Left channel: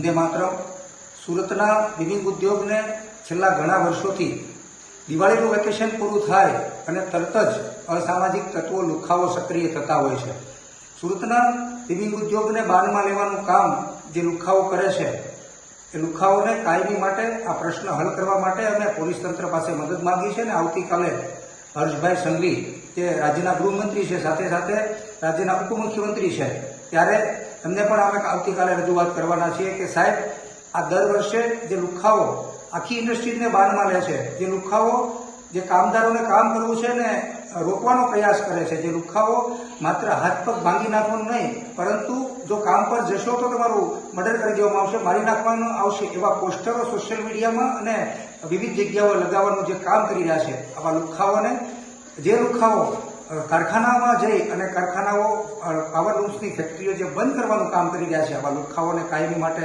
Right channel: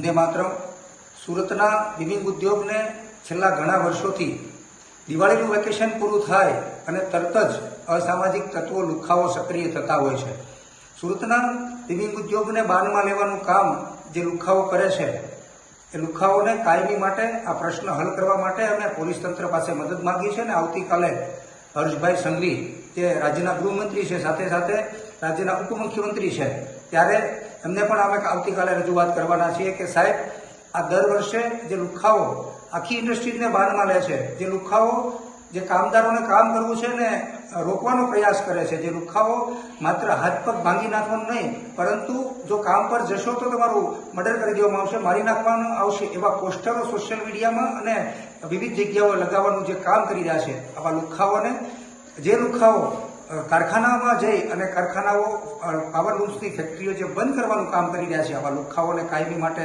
વંદે માતરમ સુરતના ગેમિંગ ઉદ્યોગને છેલ્લા ઘણા વર્ષોથી દિવાળીનું વેકેશન પૂરું થાય અને તરત જ અસામાજિક તત્વો લુખ્ખાઓ સક્રિય થતા હોય છે. સુરતના ગેમિંગ ઉદ્યોગને બાનમાં લેવાનું કામ જે લુખ્ખાઓ કરે છે એ લુખ્ખાઓને કાયમી માટે આ પ્રશ્ન હલ કરવા માટે અમે પોલીસ તંત્ર પાસે મદદ માંગી છે અને આવતીકાલે હર્ષભાઈ સંઘવી જે રાજ્યના ગૃહમંત્રી છે, સાથે સાથે રાજ્યના ઉપમુખ્યમંત્રી છે, ત્યારે એમને પણ અમે આવતીકાલે રજૂઆત કરવાના છીએ કે સાહેબ, આ દર વર્ષે જે લુખ્ખાઓ આખી ઇન્ડસ્ટ્રીઝને બાનમાં લે છે, જે લુખ્ખાઓ જે કામદારોને કામ કરવું છે ને રોકવાનો પ્રયાસ કરે છે, જે લુખ્ખાઓ માત્ર હાથ પગ ભાંગી નાખવાનું નહીં, પરંતુ જો કામ પર જશો તો તમારું મર્ડર કરી દેવામાં આવશે, મારી નાખવાનું આવશે, એવા પોસ્ટરો સોશિયલ મીડિયામાં અને વિવિધ જગ્યાઓ લગાવવાનું જે કામ કરી રહ્યા છે, આવા લુખ્ખાઓને, જે લુખ્ખાઓ કારખાનામાં જઈ અને કારખાનાઓ પાવર લૂમ્સની ફેક્ટરીઓ જે બંધ કરવાનું કામ કરી રહ્યા છે, આવા લુખ્ખાઓને કાયમી માટે